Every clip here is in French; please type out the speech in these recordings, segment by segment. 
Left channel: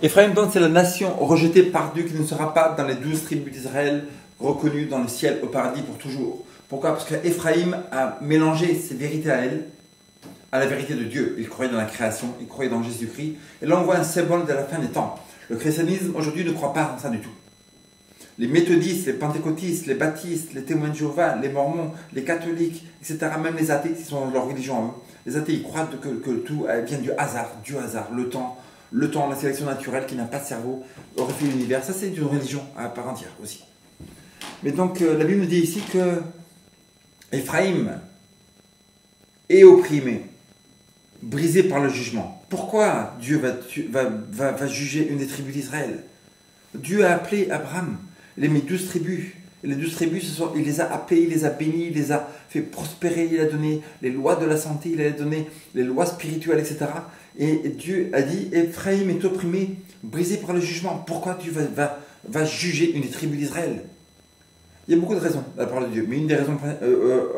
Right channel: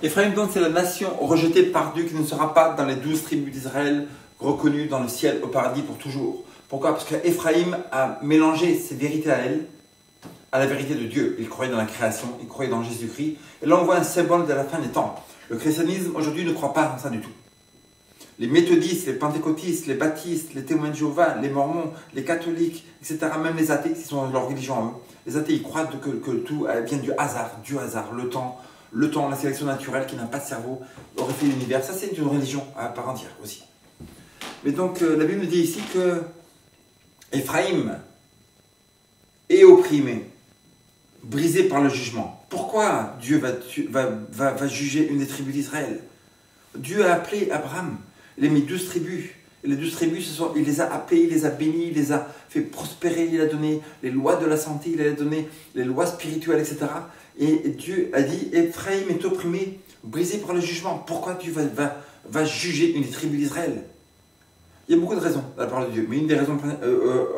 Ephraïm, donc, c'est la nation rejetée par Dieu qui ne sera pas dans les 12 tribus d'Israël, reconnue dans le ciel au paradis pour toujours. Pourquoi? Parce qu'Ephraïm a mélangé ses vérités à elle, à la vérité de Dieu. Il croyait dans la création, il croyait dans Jésus-Christ. Et là, on voit un symbole de la fin des temps. Le christianisme, aujourd'hui, ne croit pas en ça du tout. Les méthodistes, les pentecôtistes, les baptistes, les témoins de Jéhovah, les mormons, les catholiques, etc., même les athées, qui sont dans leur religion à eux, les athées, ils croient que tout vient du hasard, le temps, la sélection naturelle qui n'a pas de cerveau, refait l'univers. Ça, c'est une religion à part entière aussi. Mais donc, la Bible nous dit ici que Ephraïm est opprimé, brisé par le jugement. Pourquoi Dieu va juger une des tribus d'Israël? Dieu a appelé Abraham, il a mis 12 tribus. Et les 12 tribus, il les a appelés, il les a bénis, il les a fait prospérer, il a donné les lois de la santé, il a donné les lois spirituelles, etc. Et Dieu a dit, Ephraïm est opprimé, brisé par le jugement. Pourquoi Dieu va juger une des tribus d'Israël? Il y a beaucoup de raisons dans la parole de Dieu, mais une des raisons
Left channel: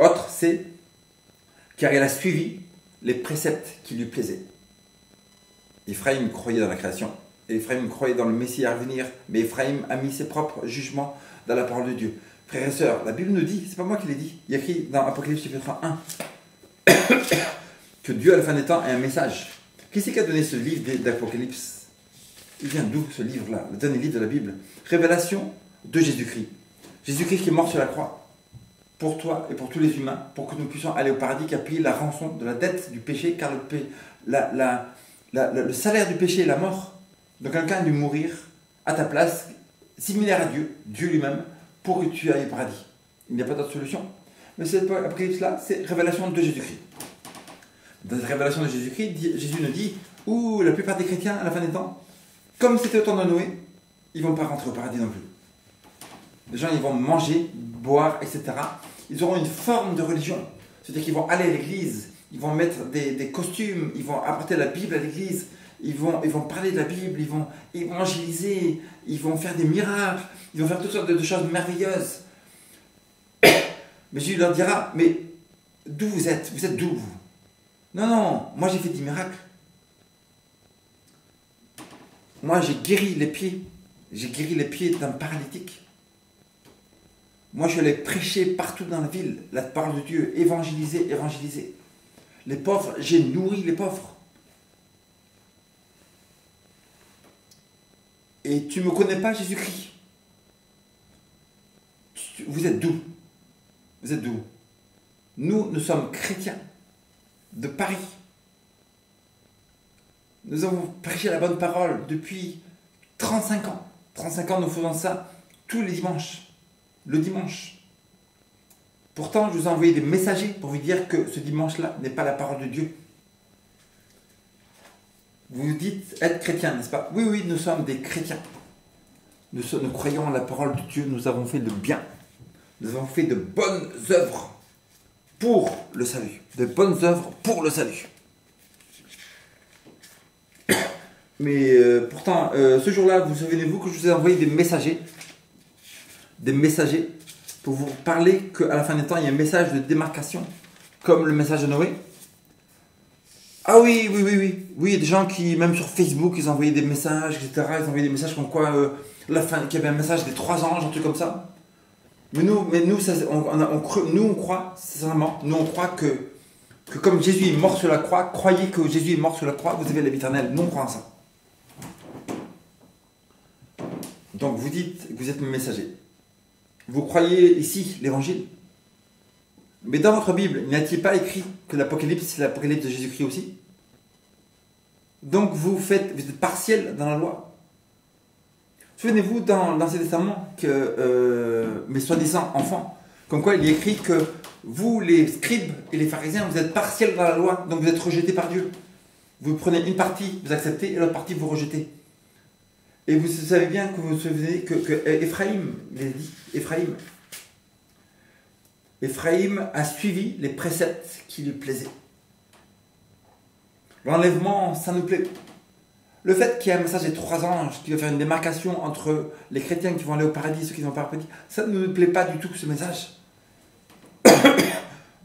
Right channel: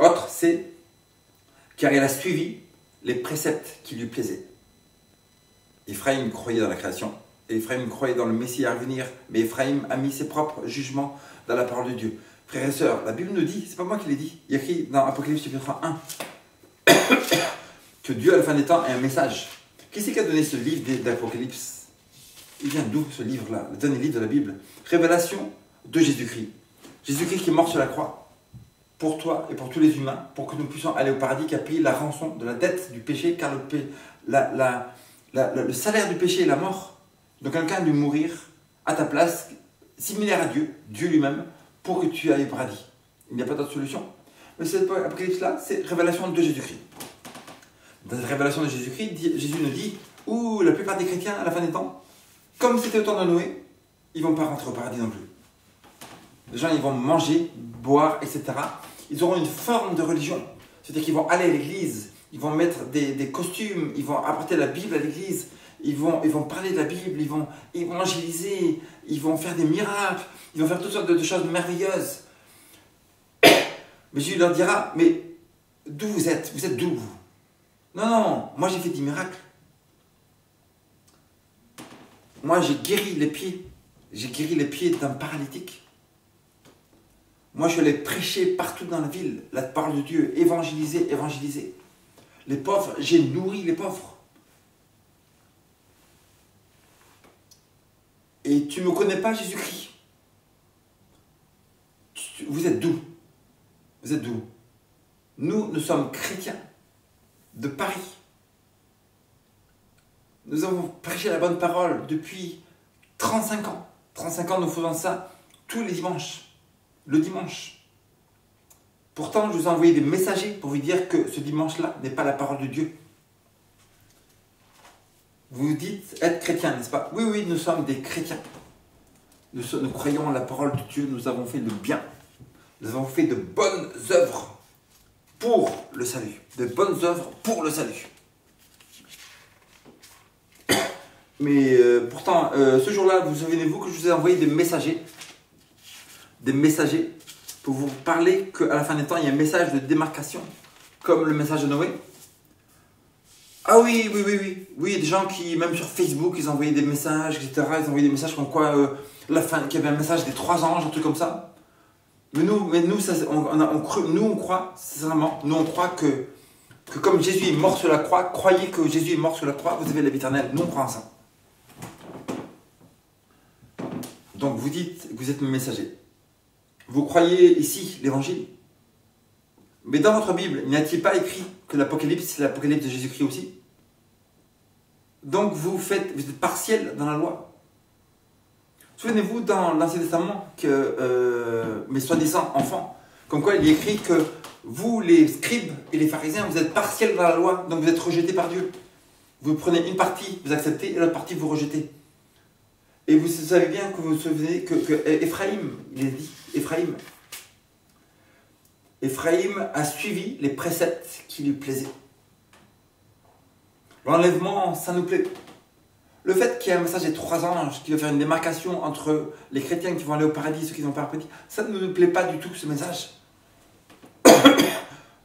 autres, c'est car il a suivi les préceptes qui lui plaisaient. Ephraïm croyait dans la création, Ephraïm croyait dans le Messie à venir, mais Ephraïm a mis ses propres jugements dans la parole de Dieu. Frères et sœurs, la Bible nous dit, c'est pas moi qui l'ai dit, il y a écrit dans Apocalypse chapitre 1 que Dieu à la fin des temps a un message. Qui c'est qui a donné ce livre d'Apocalypse? Il vient d'où ce livre-là, le dernier livre de la Bible? Révélation de Jésus-Christ. Jésus-Christ qui est mort sur la croix pour toi et pour tous les humains, pour que nous puissions aller au paradis, qui a payé la rançon de la dette du péché, car le salaire du péché est la mort. Donc quelqu'un a dû mourir à ta place, similaire à Dieu, Dieu lui-même, pour que tu ailles au paradis. Il n'y a pas d'autre solution. Mais cette apocalypse-là, c'est révélation de Jésus-Christ. Dans la révélation de Jésus-Christ, Jésus nous dit, ou la plupart des chrétiens, à la fin des temps, comme c'était au temps de Noé, ils ne vont pas rentrer au paradis non plus. Les gens, ils vont manger, boire, etc. Ils auront une forme de religion. C'est-à-dire qu'ils vont aller à l'église, ils vont mettre des costumes, ils vont apporter la Bible à l'église, ils vont parler de la Bible, ils vont évangéliser, ils vont faire des miracles, ils vont faire toutes sortes de choses merveilleuses. Mais Jésus leur dira, mais d'où vous êtes? Vous êtes d'où vous? Non, non, moi j'ai fait des miracles. Moi j'ai guéri les pieds. J'ai guéri les pieds d'un paralytique. Moi je suis allé prêcher partout dans la ville la parole de Dieu, évangéliser. Les pauvres, j'ai nourri les pauvres. Et tu ne me connais pas, Jésus-Christ? Vous êtes d'où? Vous êtes d'où? Nous sommes chrétiens de Paris. Nous avons prêché la bonne parole depuis 35 ans. 35 ans, nous faisons ça tous les dimanches. Le dimanche. Pourtant, je vous ai envoyé des messagers pour vous dire que ce dimanche-là n'est pas la parole de Dieu. Vous dites être chrétien, n'est-ce pas? Oui, oui, nous sommes des chrétiens. Nous croyons en la parole de Dieu, nous avons fait le bien. Nous avons fait de bonnes œuvres pour le salut. De bonnes œuvres pour le salut. Mais pourtant, ce jour-là, vous souvenez-vous que je vous ai envoyé des messagers pour vous parler qu'à la fin des temps, il y a un message de démarcation, comme le message de Noé. Ah oui, il y a des gens qui, même sur Facebook, ils envoyaient des messages, etc. Ils envoyaient des messages comme quoi, la fin, qu'il y avait un message des 3 anges, un truc comme ça. Mais nous, ça, on croit, sincèrement, nous on croit que comme Jésus est mort sur la croix, croyez que Jésus est mort sur la croix, vous avez la vie éternelle. Nous on croit en ça. Donc vous dites que vous êtes mes messagers. Vous croyez ici l'évangile. Mais dans votre Bible, n'a-t-il pas écrit que l'Apocalypse, c'est l'Apocalypse de Jésus-Christ aussi? Donc vous êtes partiel dans la loi. Souvenez-vous dans l'Ancien Testament que mes soi-disant enfants, comme quoi il est écrit que vous, les scribes et les pharisiens, vous êtes partiels dans la loi, donc vous êtes rejetés par Dieu. Vous prenez une partie, vous acceptez, et l'autre partie, vous rejetez. Et vous savez bien que vous vous souvenez que Ephraïm, il a dit, Ephraïm a suivi les préceptes qui lui plaisaient. L'enlèvement, ça nous plaît. Le fait qu'il y ait un message des 3 anges qui va faire une démarcation entre les chrétiens qui vont aller au paradis et ceux qui ne vont pas au paradis, ça ne nous plaît pas du tout, ce message.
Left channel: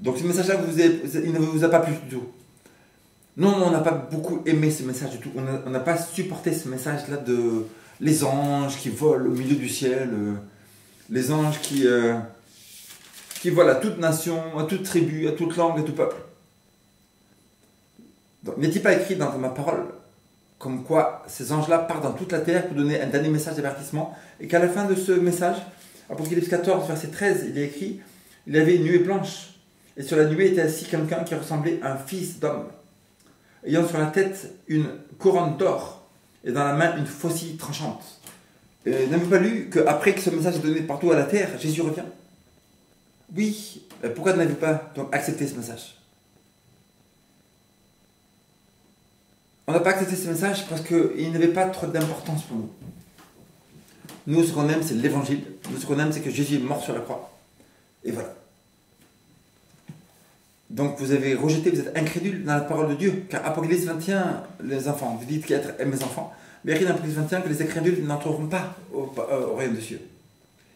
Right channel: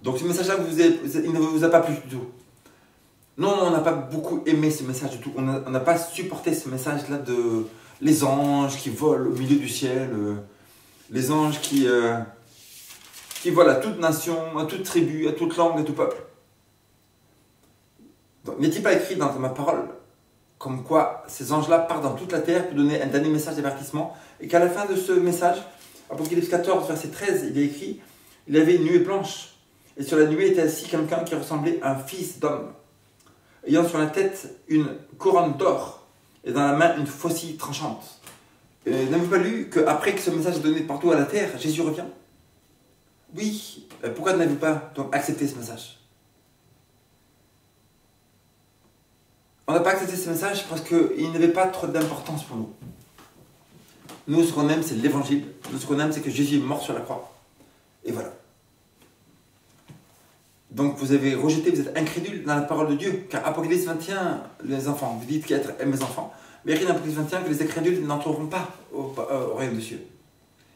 Donc ce message-là, il ne vous a pas plu du tout. Non, on n'a pas beaucoup aimé ce message du tout. On n'a pas supporté ce message-là de les anges qui volent au milieu du ciel, les anges qui volent à toute nation, à toute tribu, à toute langue, à tout peuple. Donc, n'est-il pas écrit dans ma parole comme quoi ces anges-là partent dans toute la terre pour donner un dernier message d'avertissement, et qu'à la fin de ce message, Apocalypse 14, verset 13, il est écrit, il avait une nuée blanche, et sur la nuée était assis quelqu'un qui ressemblait à un fils d'homme, ayant sur la tête une couronne d'or, et dans la main une faucille tranchante. N'avez-vous pas lu qu'après que ce message est donné partout à la terre, Jésus revient? Oui, pourquoi n'avez-vous pas donc accepté ce message? On n'a pas accepté ce message parce qu'il n'avait pas trop d'importance pour nous. Nous, ce qu'on aime, c'est l'évangile. Nous, ce qu'on aime, c'est que Jésus est mort sur la croix. Et voilà. Donc, vous avez rejeté, vous êtes incrédule dans la parole de Dieu. Car Apocalypse 21, les enfants, vous dites qu'être mes enfants. Mais il y a écrit dans Apocalypse 21 que les incrédules n'entreront pas au royaume des cieux.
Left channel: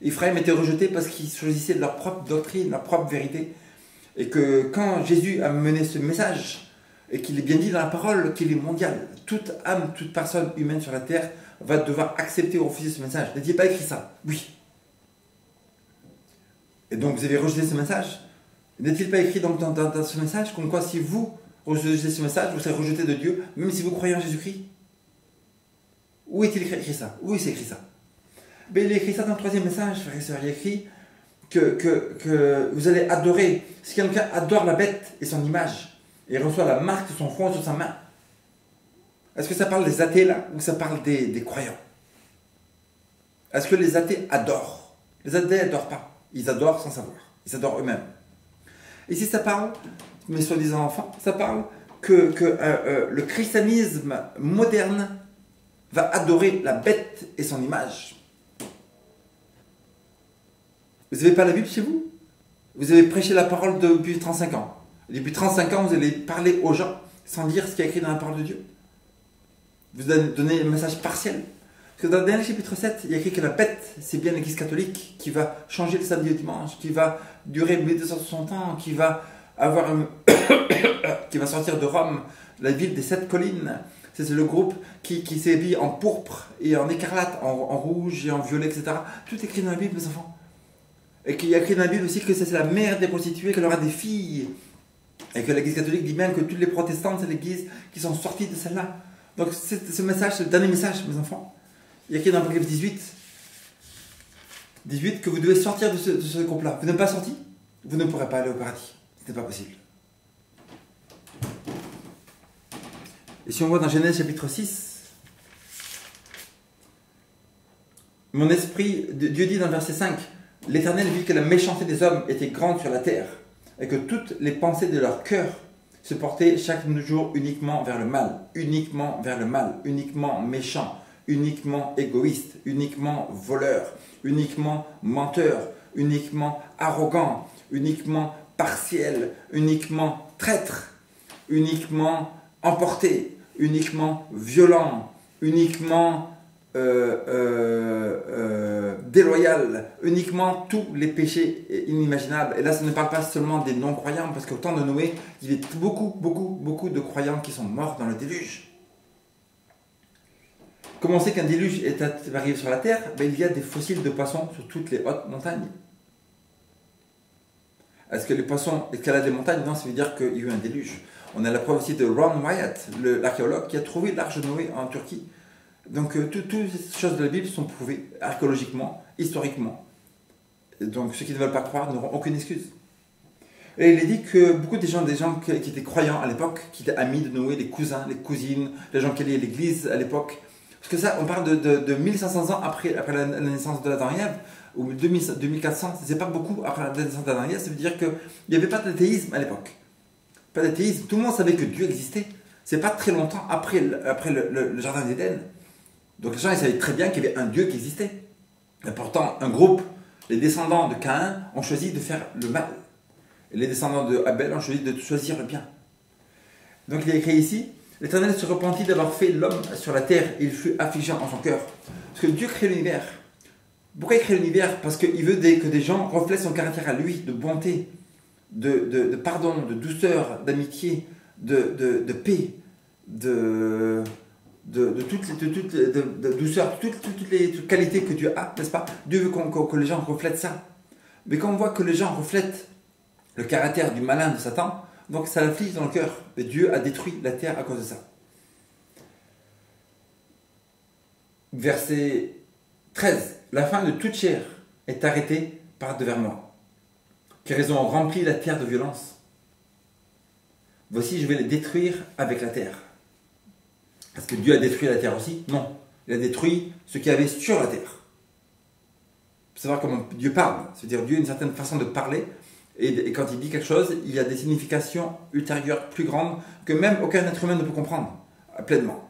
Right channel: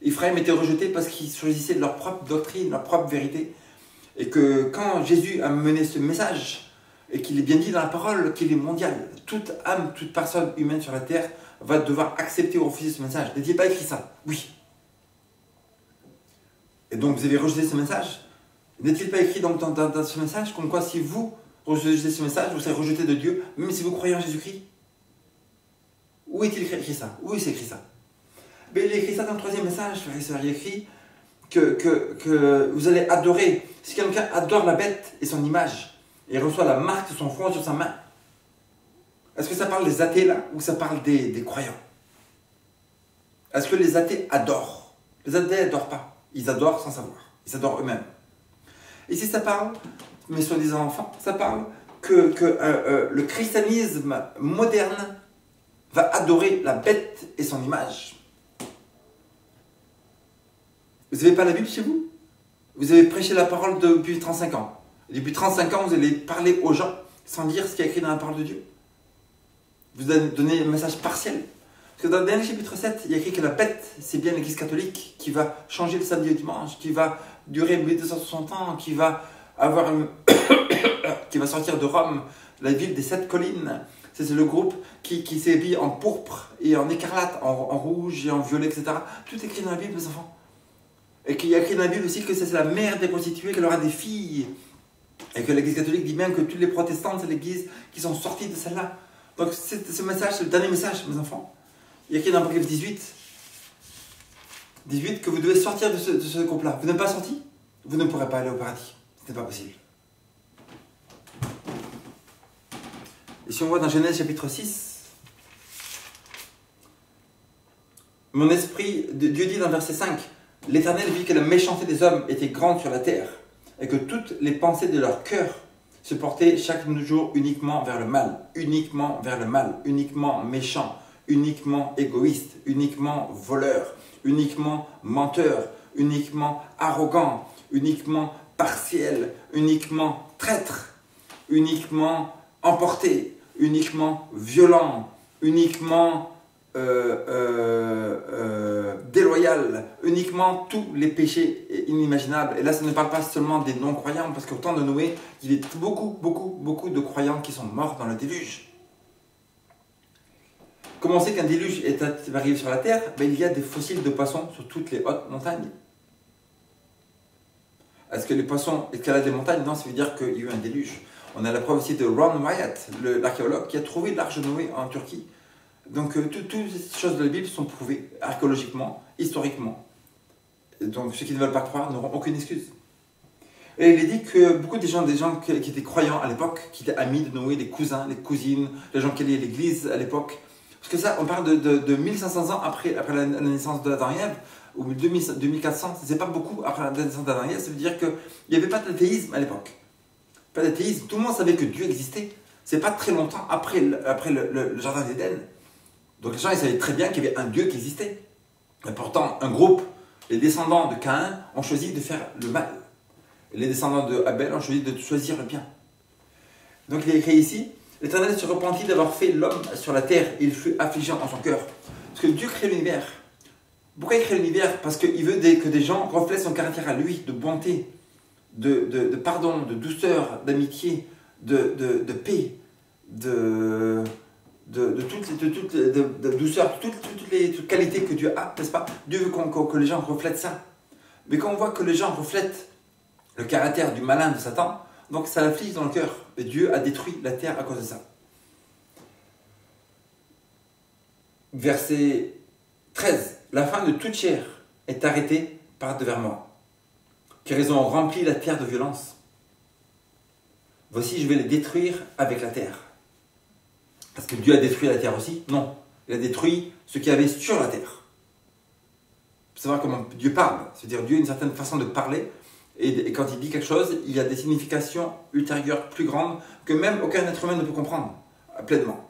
Ephraim était rejeté parce qu'ils choisissaient leur propre doctrine, leur propre vérité. Et que quand Jésus a mené ce message, et qu'il est bien dit dans la parole qu'il est mondial. Toute âme, toute personne humaine sur la terre va devoir accepter ou refuser ce message. N'est-il pas écrit ça? Oui. Et donc vous avez rejeté ce message? N'est-il pas écrit donc dans ce message comme quoi si vous rejetez ce message, vous serez rejeté de Dieu, même si vous croyez en Jésus-Christ? Où est-il écrit ça? Où est-il écrit ça? Mais il est écrit ça dans le troisième message, frère et sœurs. Il est écrit que vous allez adorer. Si quelqu'un adore la bête et son image, et reçoit la marque de son front sur sa main. Est-ce que ça parle des athées là, ou ça parle des croyants? Est-ce que les athées adorent? Les athées n'adorent pas. Ils adorent sans savoir. Ils adorent eux-mêmes. Et si ça parle, mes soi-disant enfants, ça parle que le christianisme moderne va adorer la bête et son image. Vous n'avez pas la Bible chez vous? Vous avez prêché la parole depuis 35 ans. Depuis 35 ans, vous allez parler aux gens sans lire ce qui est écrit dans la parole de Dieu. Vous donnez un message partiel. Parce que dans le dernier chapitre 7, il y a écrit que la bête, c'est bien l'Église catholique qui va changer le samedi au dimanche, qui va durer 1260 ans, qui va avoir qui va sortir de Rome, la ville des 7 collines. C'est le groupe qui s'est habillé en pourpre et en écarlate, en rouge et en violet, etc. Tout est écrit dans la Bible, mes enfants. Et qu'il y a écrit dans la Bible aussi que c'est la mère des prostituées, qu'elle aura des filles. Et que l'Église catholique dit bien que toutes les protestantes, c'est l'Église qui sont sorties de celle-là. Donc ce message, c'est le dernier message, mes enfants. Il y a écrit dans Apocalypse 18 que vous devez sortir de ce groupe-là. Vous n'êtes pas sorti, vous ne pourrez pas aller au paradis. Ce n'est pas possible. Et si on voit dans Genèse chapitre 6, mon esprit, Dieu dit dans verset 5, l'Éternel vit que la méchanceté des hommes était grande sur la terre, et que toutes les pensées de leur cœur se portaient chaque jour uniquement vers le mal, uniquement méchant, uniquement égoïste, uniquement voleur, uniquement menteur, uniquement arrogant, uniquement partiel, uniquement traître, uniquement emporté, uniquement violent, uniquement déloyal, uniquement tous les péchés inimaginables. Et là, ça ne parle pas seulement des non-croyants, parce qu'au temps de Noé, il y avait beaucoup de croyants qui sont morts dans le déluge. Comment on sait qu'un déluge est arrivé sur la terre? Il y a des fossiles de poissons sur toutes les hautes montagnes. Est-ce que les poissons escaladent des montagnes? Non, ça veut dire qu'il y a eu un déluge. On a la preuve aussi de Ron Wyatt, l'archéologue, qui a trouvé l'arche de Noé en Turquie. Donc, toutes ces choses de la Bible sont prouvées archéologiquement, historiquement. Et donc, ceux qui ne veulent pas croire n'auront aucune excuse. Et il est dit que beaucoup des gens qui étaient croyants à l'époque, qui étaient amis de Noé, les cousins, les cousines, les gens qui allaient à l'église à l'époque, parce que ça, on parle de 1500 ans après la naissance de l'Adam et Ève, ou 2400, c'est pas beaucoup après la naissance d'Adam et Ève, ça veut dire qu'il n'y avait pas d'athéisme à l'époque. Pas d'athéisme, tout le monde savait que Dieu existait. C'est pas très longtemps après le jardin d'Éden. Donc les gens ils savaient très bien qu'il y avait un Dieu qui existait. Et pourtant, un groupe, les descendants de Caïn, ont choisi de faire le mal. Et les descendants de Abel ont choisi de choisir le bien. Donc il est écrit ici, l'Éternel se repentit d'avoir fait l'homme sur la terre, et il fut affligé en son cœur. Parce que Dieu crée l'univers. Pourquoi il crée l'univers? Parce qu'il veut que des gens reflètent son caractère à lui, de bonté, de pardon, de douceur, d'amitié, de paix, de douceur, toutes les qualités que Dieu a, n'est-ce pas? Dieu veut que les gens reflètent ça. Mais quand on voit que les gens reflètent le caractère du malin de Satan, donc ça l'afflige dans le cœur. Et Dieu a détruit la terre à cause de ça. Verset 13. La fin de toute chair est arrêtée par devers moi, car ils ont rempli la terre de violence. Voici, je vais les détruire avec la terre. Est-ce que Dieu a détruit la terre aussi? Non. Il a détruit ce qu'il y avait sur la terre. Il faut savoir comment Dieu parle. C'est-à-dire Dieu a une certaine façon de parler. Et quand il dit quelque chose, il y a des significations ultérieures plus grandes que même aucun être humain ne peut comprendre pleinement.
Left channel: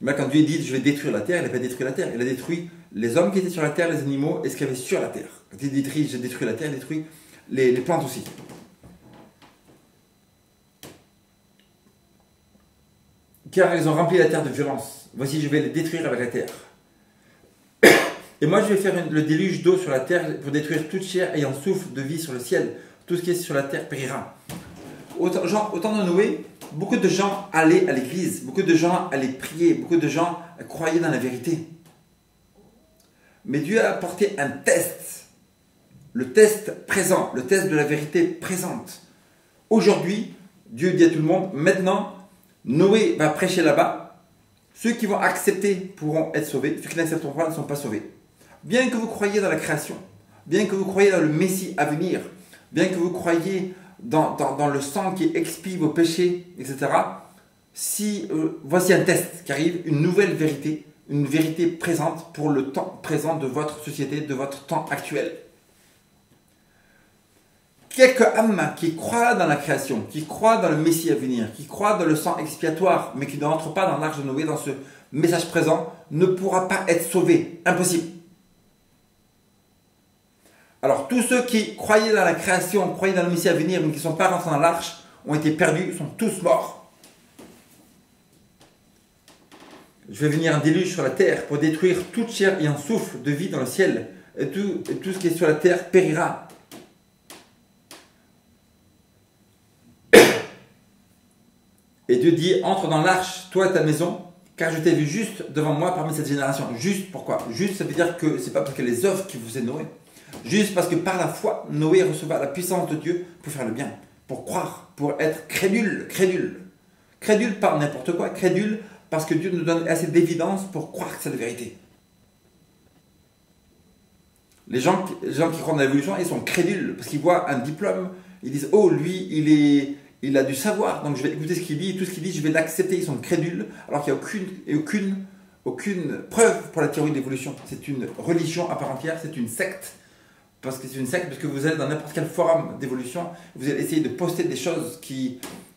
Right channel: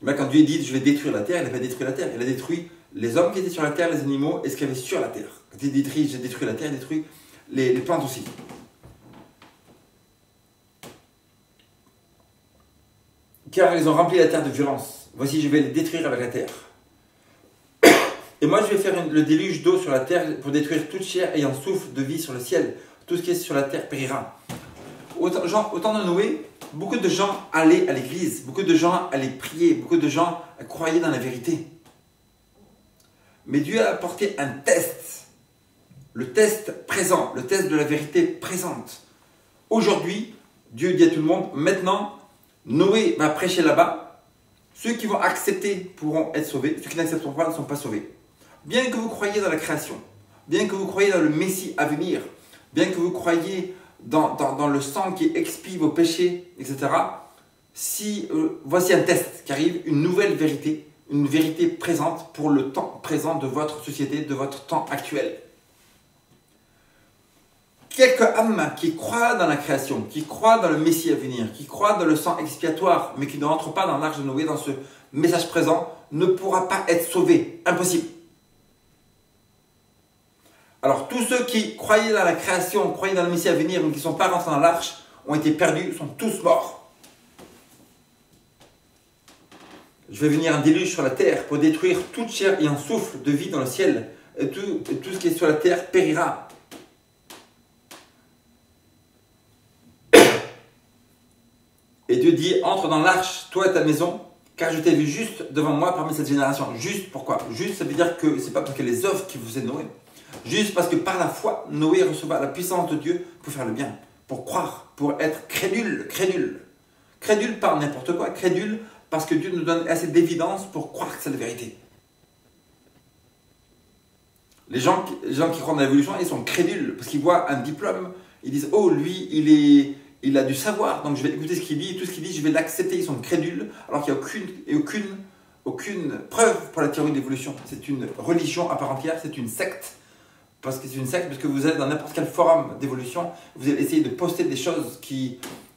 Mais quand Dieu dit « je vais détruire la terre », il n'a pas détruit la terre. Il a détruit les hommes qui étaient sur la terre, les animaux et ce qu'il y avait sur la terre. Quand il dit « j'ai détruit la terre », il détruit les plantes aussi. Car ils ont rempli la terre de violence. Voici, je vais les détruire avec la terre. Et moi, je vais faire le déluge d'eau sur la terre pour détruire toute chair ayant souffle de vie sur le ciel. Tout ce qui est sur la terre périra. Au temps de Noé, beaucoup de gens allaient à l'église, beaucoup de gens allaient prier, beaucoup de gens croyaient dans la vérité. Mais Dieu a apporté un test. Le test présent, le test de la vérité présente. Aujourd'hui, Dieu dit à tout le monde, maintenant, Noé va prêcher là-bas. Ceux qui vont accepter pourront être sauvés. Ceux qui n'accepteront pas ne sont pas sauvés. Bien que vous croyiez dans la création, bien que vous croyiez dans le Messie à venir, bien que vous croyiez dans le sang qui expie vos péchés, etc. Voici un test qui arrive, une nouvelle vérité, une vérité présente pour le temps présent de votre société, de votre temps actuel. Quelques âmes qui croient dans la création, qui croient dans le Messie à venir, qui croient dans le sang expiatoire, mais qui ne rentrent pas dans l'arche de Noé, dans ce message présent, ne pourra pas être sauvé. Impossible. Alors, tous ceux qui croyaient dans la création, croyaient dans le Messie à venir, mais qui ne sont pas rentrés dans l'arche, ont été perdus, sont tous morts. Je vais venir un déluge sur la terre pour détruire toute chair ayant souffle de vie dans le ciel, et tout ce qui est sur la terre périra. Et Dieu dit, entre dans l'arche, toi et ta maison, car je t'ai vu juste devant moi parmi cette génération. Juste, pourquoi? Juste, ça veut dire que ce n'est pas parce que les œuvres qui vous est Noé. Juste parce que par la foi, Noé receva la puissance de Dieu pour faire le bien, pour croire, pour être crédule. Crédule par n'importe quoi, crédule parce que Dieu nous donne assez d'évidence pour croire que c'est la vérité. Les gens qui croient dans l'évolution, ils sont crédules parce qu'ils voient un diplôme, ils disent, oh, lui, il a du savoir, donc je vais écouter ce qu'il dit, tout ce qu'il dit, je vais l'accepter. Ils sont crédules, alors qu'il n'y a aucune preuve pour la théorie de l'évolution. C'est une religion à part entière, c'est une secte. Parce que c'est une secte, parce que vous allez dans n'importe quel forum d'évolution, vous allez essayer de poster des choses,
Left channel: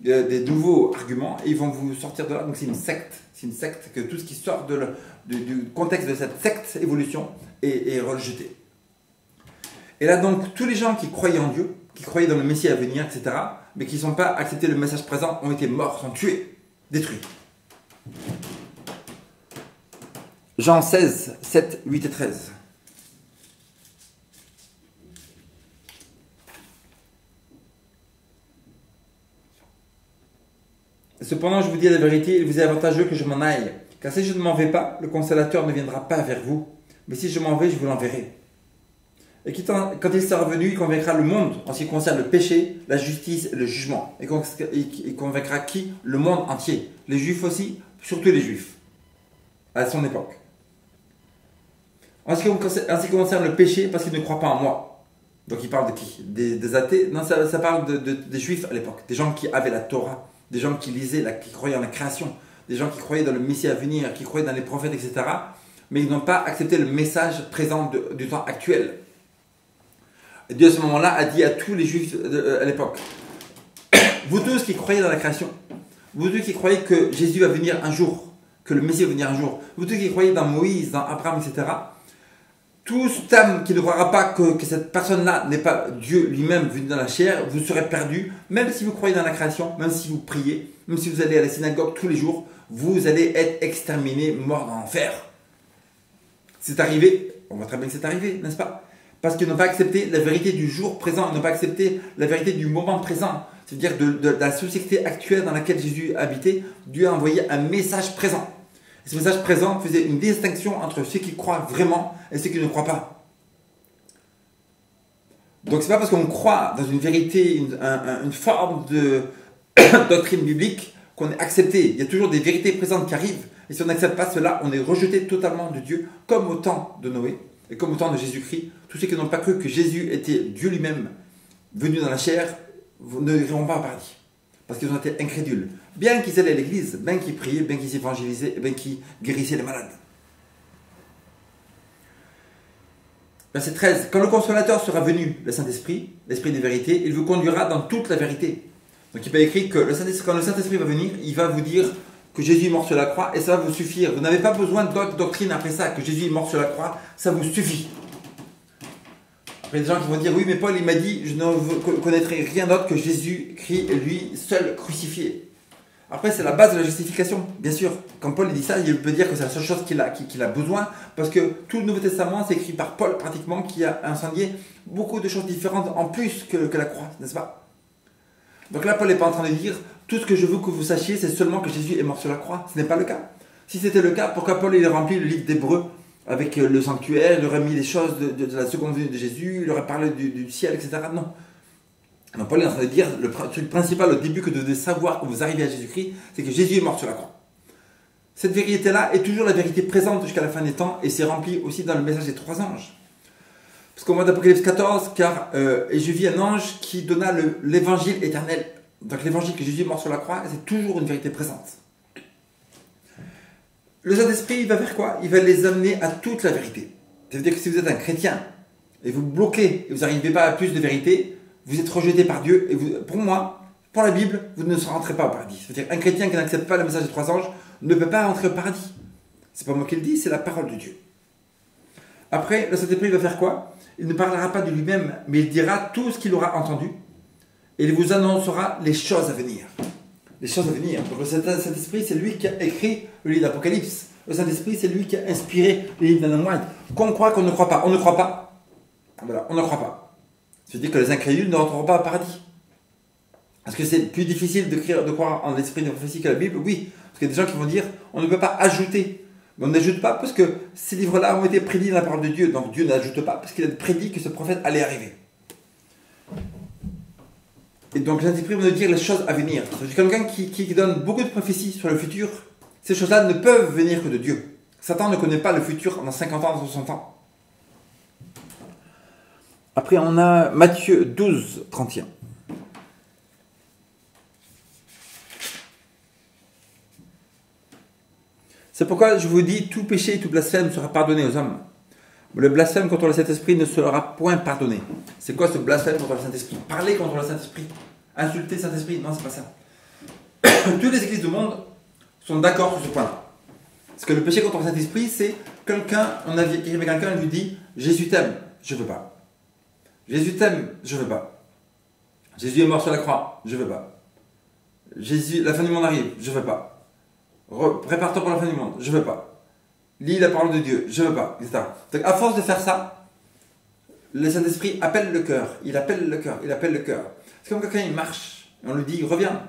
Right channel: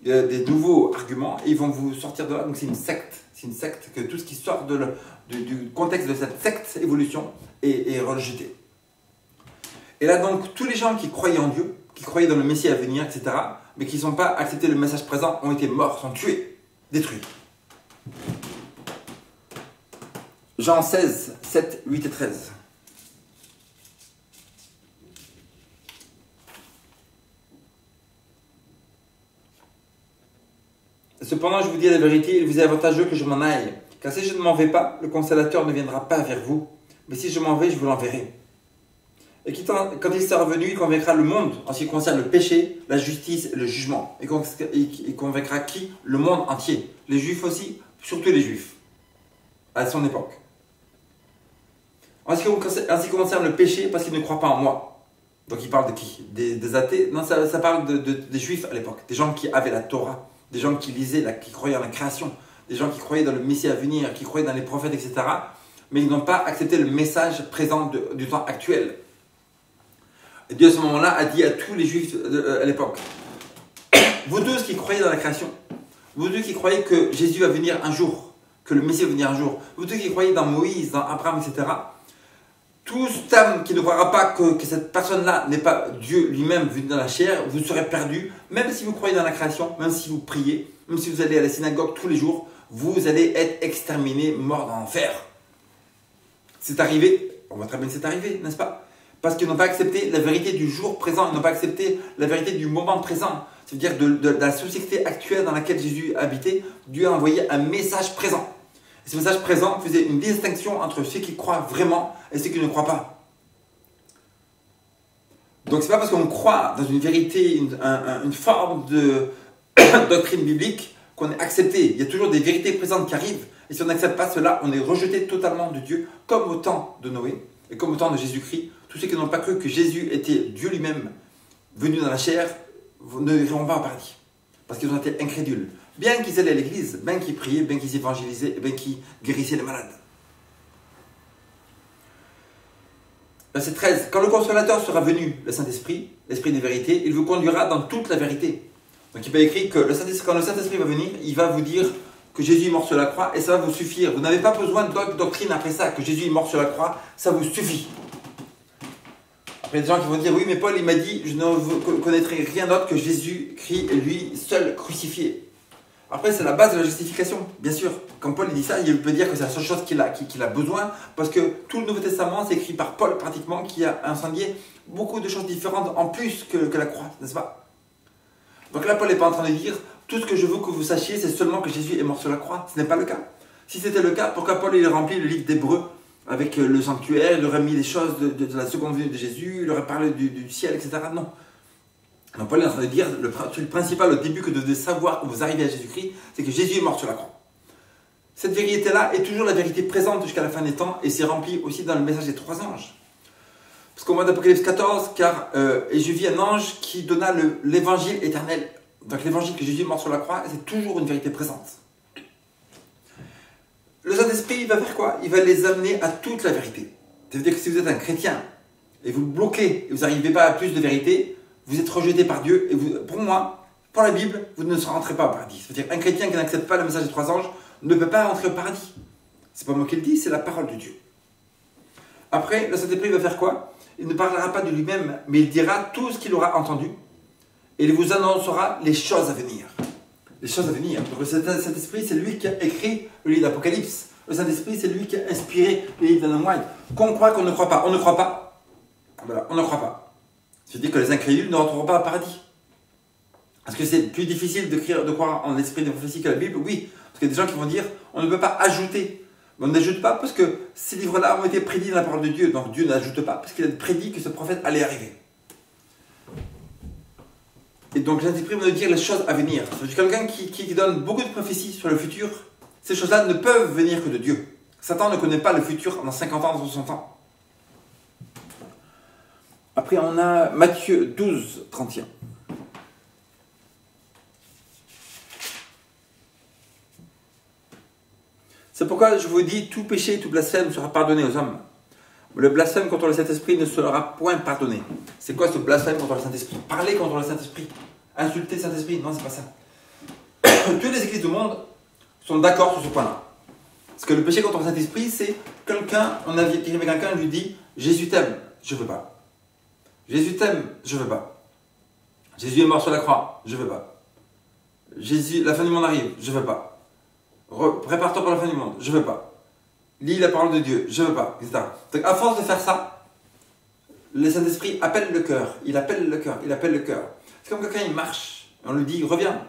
des nouveaux arguments, et ils vont vous sortir de là. Donc c'est une secte. C'est une secte que tout ce qui sort du contexte de cette secte évolution est rejeté. Et là donc, tous les gens qui croyaient en Dieu, qui croyaient dans le Messie à venir, etc., mais qui n'ont pas accepté le message présent, ont été morts, sont tués, détruits. Jean 16, 7, 8 et 13. Cependant, je vous dis la vérité, il vous est avantageux que je m'en aille. Car si je ne m'en vais pas, le consolateur ne viendra pas vers vous. Mais si je m'en vais, je vous l'enverrai. Et quand il sera revenu, il convaincra le monde en ce qui concerne le péché, la justice et le jugement. Et il convaincra qui? Le monde entier. Les juifs aussi, surtout les juifs, à son époque. En ce qui concerne le péché, parce qu'ils ne croient pas en moi. Donc il parle de qui? Des athées? Non, ça parle des juifs à l'époque. Des gens qui avaient la Torah. Des gens qui lisaient, qui croyaient en la création, des gens qui croyaient dans le Messie à venir, qui croyaient dans les prophètes, etc. Mais ils n'ont pas accepté le message présent du temps actuel. Et Dieu à ce moment-là a dit à tous les juifs à l'époque, vous tous qui croyez dans la création, vous tous qui croyez que Jésus va venir un jour, que le Messie va venir un jour, vous tous qui croyez dans Moïse, dans Abraham, etc., tout cet âme qui ne croira pas que cette personne-là n'est pas Dieu lui-même venu dans la chair, vous serez perdu, même si vous croyez dans la création, même si vous priez, même si vous allez à la synagogue tous les jours, vous allez être exterminé, mort dans l'enfer. C'est arrivé, on voit très bien que c'est arrivé, n'est-ce pas? Parce qu'ils n'ont pas accepté la vérité du jour présent, ils n'ont pas accepté la vérité du moment présent. c'est-à-dire de la société actuelle dans laquelle Jésus habitait, Dieu a envoyé un message présent. Et ce message présent faisait une distinction entre ceux qui croient vraiment et ceux qui ne croient pas. Donc c'est pas parce qu'on croit dans une vérité, une forme de doctrine biblique qu'on est accepté. Il y a toujours des vérités présentes qui arrivent. Et si on n'accepte pas cela, on est rejeté totalement de Dieu, comme au temps de Noé et comme au temps de Jésus-Christ. Tous ceux qui n'ont pas cru que Jésus était Dieu lui-même, venu dans la chair, ne iront pas au paradis. Parce qu'ils ont été incrédules. Bien qu'ils allaient à l'église, bien qu'ils priaient, bien qu'ils évangélisaient, bien qu'ils guérissaient les malades. Verset 13. Quand le Consolateur sera venu, le Saint-Esprit, l'Esprit des vérités, il vous conduira dans toute la vérité. Donc il va écrit que quand le Saint-Esprit va venir, il va vous dire que Jésus est mort sur la croix et ça va vous suffire. Vous n'avez pas besoin d'autres doctrines après ça, que Jésus est mort sur la croix, ça vous suffit. Après, il y a des gens qui vont dire, oui, mais Paul, il m'a dit, je ne connaîtrai rien d'autre que Jésus-Christ, lui seul crucifié. Après, c'est la base de la justification, bien sûr. Quand Paul dit ça, il peut dire que c'est la seule chose qu'il a besoin, parce que tout le Nouveau Testament, c'est écrit par Paul, pratiquement, qui a incendié beaucoup de choses différentes en plus que la croix, n'est-ce pas? Donc là, Paul n'est pas en train de dire, tout ce que je veux que vous sachiez, c'est seulement que Jésus est mort sur la croix. Ce n'est pas le cas. Si c'était le cas, pourquoi Paul il a rempli le livre d'Hébreux avec le sanctuaire, il aurait mis les choses de la seconde venue de Jésus, il aurait parlé du ciel, etc. Non. Donc Paul est en train de dire, le truc principal au début que vous devez savoir quand vous arrivez à Jésus-Christ, c'est que Jésus est mort sur la croix. Cette vérité-là est toujours la vérité présente jusqu'à la fin des temps, et c'est rempli aussi dans le message des 3 anges. Parce qu'au mois d'Apocalypse 14, et je vis un ange qui donna l'évangile éternel. Donc l'évangile que Jésus est mort sur la croix, c'est toujours une vérité présente. Le Saint-Esprit, il va faire quoi? Il va les amener à toute la vérité. C'est-à-dire que si vous êtes un chrétien, et vous bloquez, et vous n'arrivez pas à plus de vérité, vous êtes rejeté par Dieu, et pour moi, pour la Bible, vous ne rentrez pas au paradis. C'est-à-dire qu'un chrétien qui n'accepte pas le message des 3 anges ne peut pas rentrer au paradis. C'est pas moi qui le dis, c'est la parole de Dieu. Après, le Saint-Esprit va faire quoi? Il ne parlera pas de lui-même, mais il dira tout ce qu'il aura entendu, et il vous annoncera les choses à venir. Les choses à venir. Donc le Saint-Esprit, c'est lui qui a écrit le livre d'Apocalypse. Le Saint-Esprit, c'est lui qui a inspiré le livre d'Ellen White. Qu'on croit, qu'on ne croit pas. On ne croit pas. Voilà, on ne croit pas. C'est-à-dire que les incrédules ne rentreront pas au paradis. Est-ce que c'est plus difficile de croire en l'esprit des prophéties que la Bible? Oui. Parce qu'il y a des gens qui vont dire, on ne peut pas ajouter. Mais on n'ajoute pas parce que ces livres-là ont été prédits dans la parole de Dieu. Donc Dieu n'ajoute pas parce qu'il a prédit que ce prophète allait arriver. Et donc Saint-Esprit va nous dire les choses à venir. C'est quelqu'un qui donne beaucoup de prophéties sur le futur. Ces choses-là ne peuvent venir que de Dieu. Satan ne connaît pas le futur dans 50 ans, dans 60 ans. Après, on a Matthieu 12, 31. C'est pourquoi je vous dis, tout péché et tout blasphème sera pardonné aux hommes. Le blasphème contre le Saint-Esprit ne sera point pardonné. C'est quoi ce blasphème contre le Saint-Esprit? Parler contre le Saint-Esprit. Insulter le Saint-Esprit? Non, c'est pas ça. Toutes les églises du monde sont d'accord sur ce point-là. Parce que le péché contre le Saint-Esprit, c'est quelqu'un, on a dit quelqu'un lui dit, Jésus t'aime, je veux pas. Jésus t'aime, je veux pas. Jésus est mort sur la croix, je veux pas. Jésus, la fin du monde arrive, je veux pas. Prépare-toi pour la fin du monde, je veux pas. Lis la parole de Dieu, je veux pas, etc. Donc à force de faire ça, le Saint-Esprit appelle le cœur, il appelle le cœur, il appelle le cœur. C'est comme quelqu'un il marche, et on lui dit reviens,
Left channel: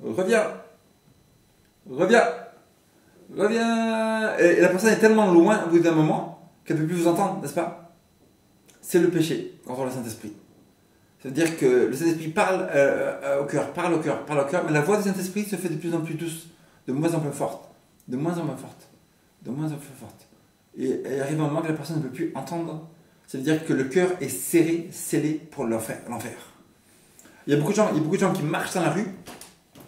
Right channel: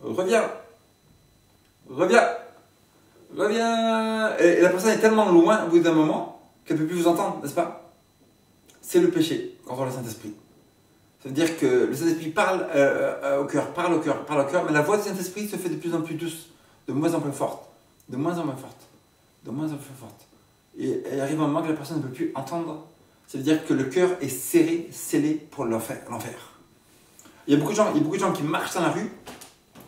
reviens, reviens, reviens. Et la personne est tellement loin au bout d'un moment qu'elle ne peut plus vous entendre, n'est-ce pas? C'est le péché contre le Saint-Esprit. C'est-à-dire que le Saint-Esprit parle au cœur, parle au cœur, parle au cœur, mais la voix du Saint-Esprit se fait de plus en plus douce, de moins en moins forte, de moins en moins forte. De moins en plus forte. Et il arrive un moment que la personne ne peut plus entendre. Ça veut dire que le cœur est serré, scellé pour l'enfer. Il y a beaucoup de gens qui marchent dans la rue.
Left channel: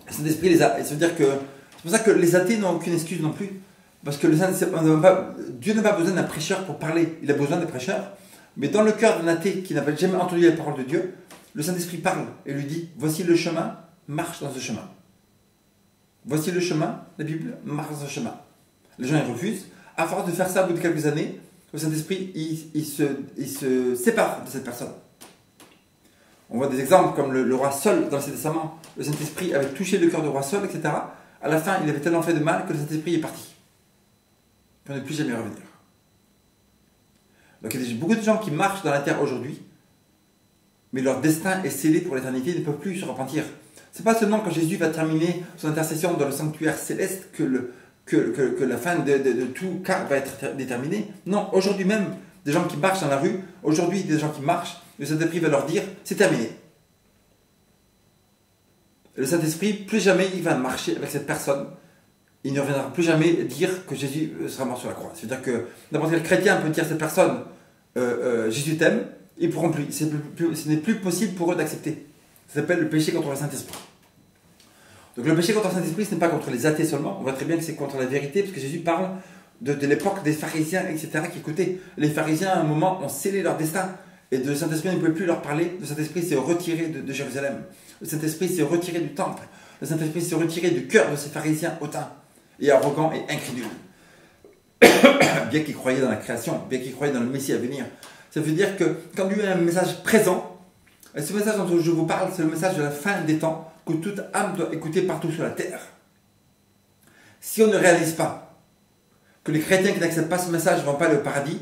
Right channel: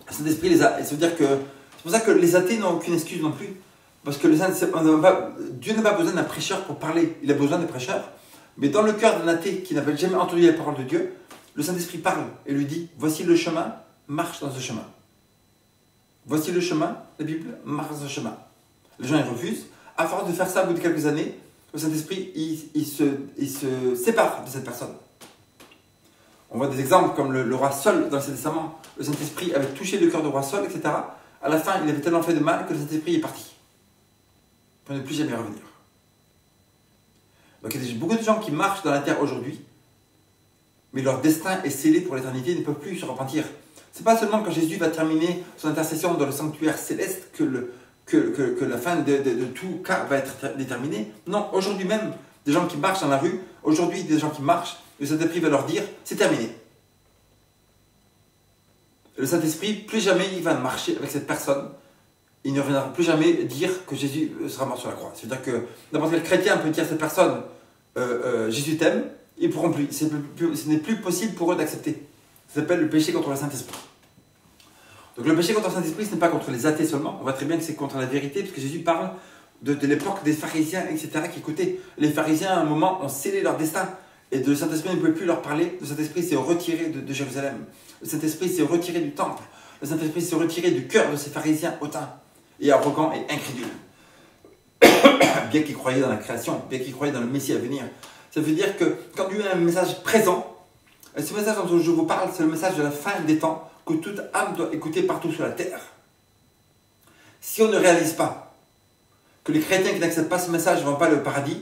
Le Saint-Esprit les a. Ça veut dire que c'est pour ça que les athées n'ont aucune excuse non plus. Parce que Dieu n'a pas besoin d'un prêcheur pour parler. Il a besoin des prêcheurs. Mais dans le cœur d'un athée qui n'a jamais entendu la parole de Dieu, le Saint-Esprit parle et lui dit, voici le chemin, marche dans ce chemin. Voici le chemin, la Bible, marche dans ce chemin. Les gens ils refusent. À force de faire ça, au bout de quelques années, le Saint-Esprit il se sépare de cette personne. On voit des exemples comme le roi Saul dans l'Ancien Testament. Le Saint-Esprit avait touché le cœur du roi Saul, etc. À la fin, il avait tellement fait de mal que le Saint-Esprit est parti. Pour ne plus jamais revenir. Donc il y a beaucoup de gens qui marchent dans la terre aujourd'hui mais leur destin est scellé pour l'éternité, ils ne peuvent plus se repentir. C'est pas seulement quand Jésus va terminer son intercession dans le sanctuaire céleste que la fin de tout cas va être déterminée. Non, aujourd'hui même, des gens qui marchent dans la rue, aujourd'hui des gens qui marchent, le Saint-Esprit va leur dire, c'est terminé. Et le Saint-Esprit, plus jamais il va marcher avec cette personne, il ne reviendra plus jamais dire que Jésus sera mort sur la croix. C'est-à-dire que n'importe quel chrétien peut dire à cette personne, Jésus t'aime, ils ne pourront plus. Ce n'est plus possible pour eux d'accepter. Ça s'appelle le péché contre le Saint-Esprit. Donc le péché contre le Saint-Esprit, ce n'est pas contre les athées seulement. On voit très bien que c'est contre la vérité, parce que Jésus parle de l'époque des pharisiens, etc., qui écoutaient. Les pharisiens, à un moment, ont scellé leur destin. Et le Saint-Esprit ne pouvait plus leur parler. Le Saint-Esprit s'est retiré de Jérusalem. Le Saint-Esprit s'est retiré du temple. Le Saint-Esprit s'est retiré du cœur de ces pharisiens hautains et arrogants et incrédules. Bien qu'ils croyaient dans la création, bien qu'ils croyaient dans le Messie à venir. Ça veut dire que quand il y a un message présent, ce message dont je vous parle, c'est le message de la fin des temps que toute âme doit écouter partout sur la terre. Si on ne réalise pas que les chrétiens qui n'acceptent pas ce message ne vont pas aller au paradis,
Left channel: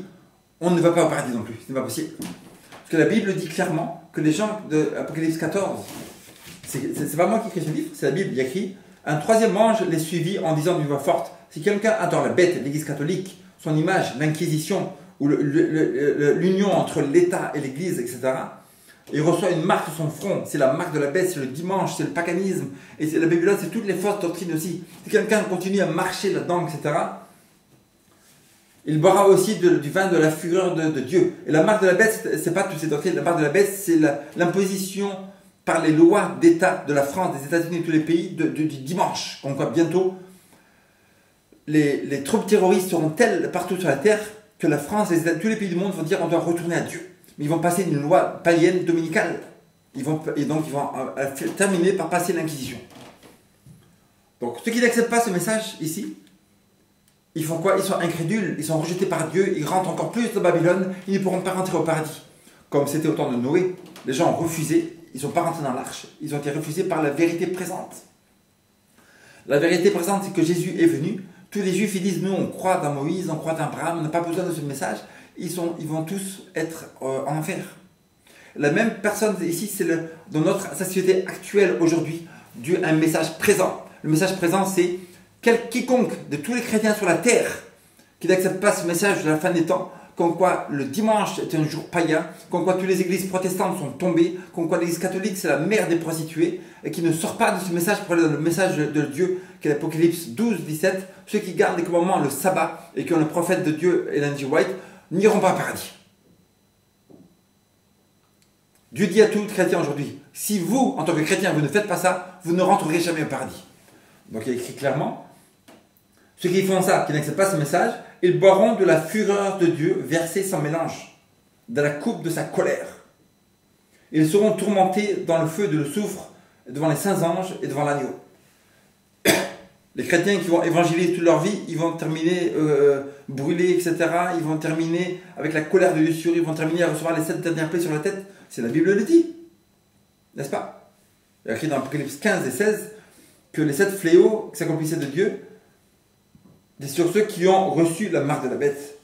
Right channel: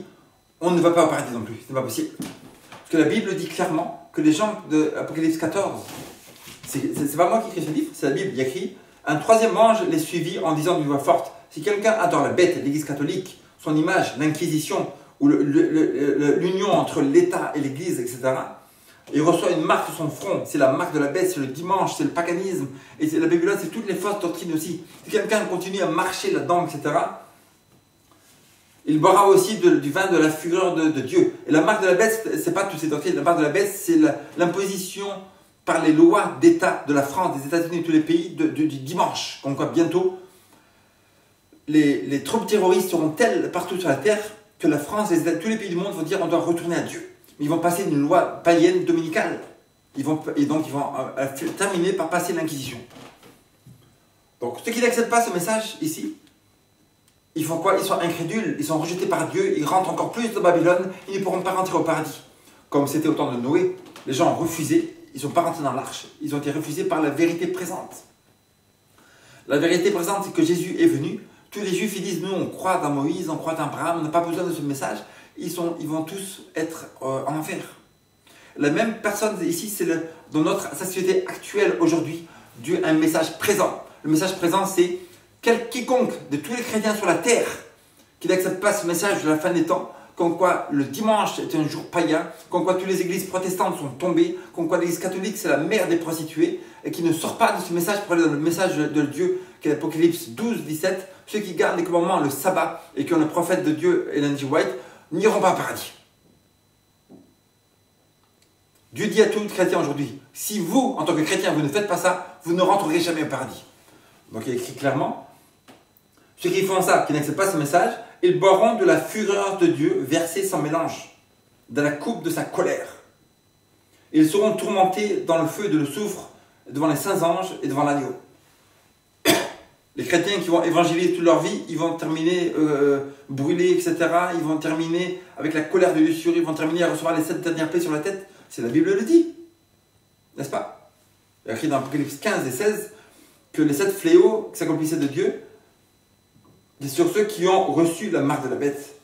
on ne va pas au paradis non plus. Ce n'est pas possible. Parce que la Bible dit clairement que les gens de Apocalypse 14, c'est pas moi qui écris ce livre, c'est la Bible, il y a écrit, un troisième ange les suivit en disant d'une voix forte, si quelqu'un adore la bête, l'Église catholique, son image, l'Inquisition, ou l'union entre l'État et l'Église, etc., il reçoit une marque sur son front, c'est la marque de la bête, c'est le dimanche, c'est le paganisme, et la Babylone, c'est toutes les fausses doctrines aussi. Si quelqu'un continue à marcher là-dedans, etc., il boira aussi du vin de la fureur de Dieu. Et la marque de la bête, c'est pas toutes ces doctrines, la marque de la bête, c'est l'imposition par les lois d'État de la France, des États-Unis et de tous les pays du dimanche. Donc bientôt, les troupes terroristes seront telles partout sur la terre que la France et tous les pays du monde vont dire on doit retourner à Dieu. Mais ils vont passer une loi païenne dominicale. Et donc ils vont terminer par passer l'Inquisition. Donc ceux qui n'acceptent pas ce message ici, ils font quoi? Ils sont incrédules, ils sont rejetés par Dieu, ils rentrent encore plus dans Babylone, ils ne pourront pas rentrer au paradis. Comme c'était au temps de Noé, les gens ont refusé, ils ne sont pas rentrés dans l'arche, ils ont été refusés par la vérité présente. La vérité présente, c'est que Jésus est venu. Tous les Juifs, ils disent, nous, on croit dans Moïse, on croit dans Abraham, on n'a pas besoin de ce message. Ils vont tous être en enfer. La même personne ici, c'est dans notre société actuelle aujourd'hui, Dieu a un message présent. Le message présent, c'est quiconque de tous les chrétiens sur la terre qui n'accepte pas ce message de la fin des temps, comme quoi le dimanche est un jour païen, comme quoi toutes les églises protestantes sont tombées, comme quoi l'église catholique c'est la mère des prostituées, et qui ne sort pas de ce message pour aller dans le message de Dieu, qui est l'Apocalypse 12, 17, ceux qui gardent les commandements, le sabbat, et qui ont le prophète de Dieu, Ellen G. White, n'iront pas au paradis. Dieu dit à tout chrétien aujourd'hui, si vous, en tant que chrétien, vous ne faites pas ça, vous ne rentrerez jamais au paradis. Donc il est écrit clairement, ceux qui font ça, qui n'acceptent pas ce message, ils boiront de la fureur de Dieu versée sans mélange, dans la coupe de sa colère. Ils seront tourmentés dans le feu de le soufre, devant les saints anges et devant l'agneau. Les chrétiens qui vont évangéliser toute leur vie, ils vont terminer brûlés, etc. Ils vont terminer avec la colère de Dieu sur eux, ils vont terminer à recevoir les 7 dernières plaies sur la tête. C'est la Bible le dit, n'est-ce pas? Il y a écrit dans Apocalypse 15 et 16 que les 7 fléaux qui s'accomplissaient de Dieu, c'est sur ceux qui ont reçu la marque de la bête.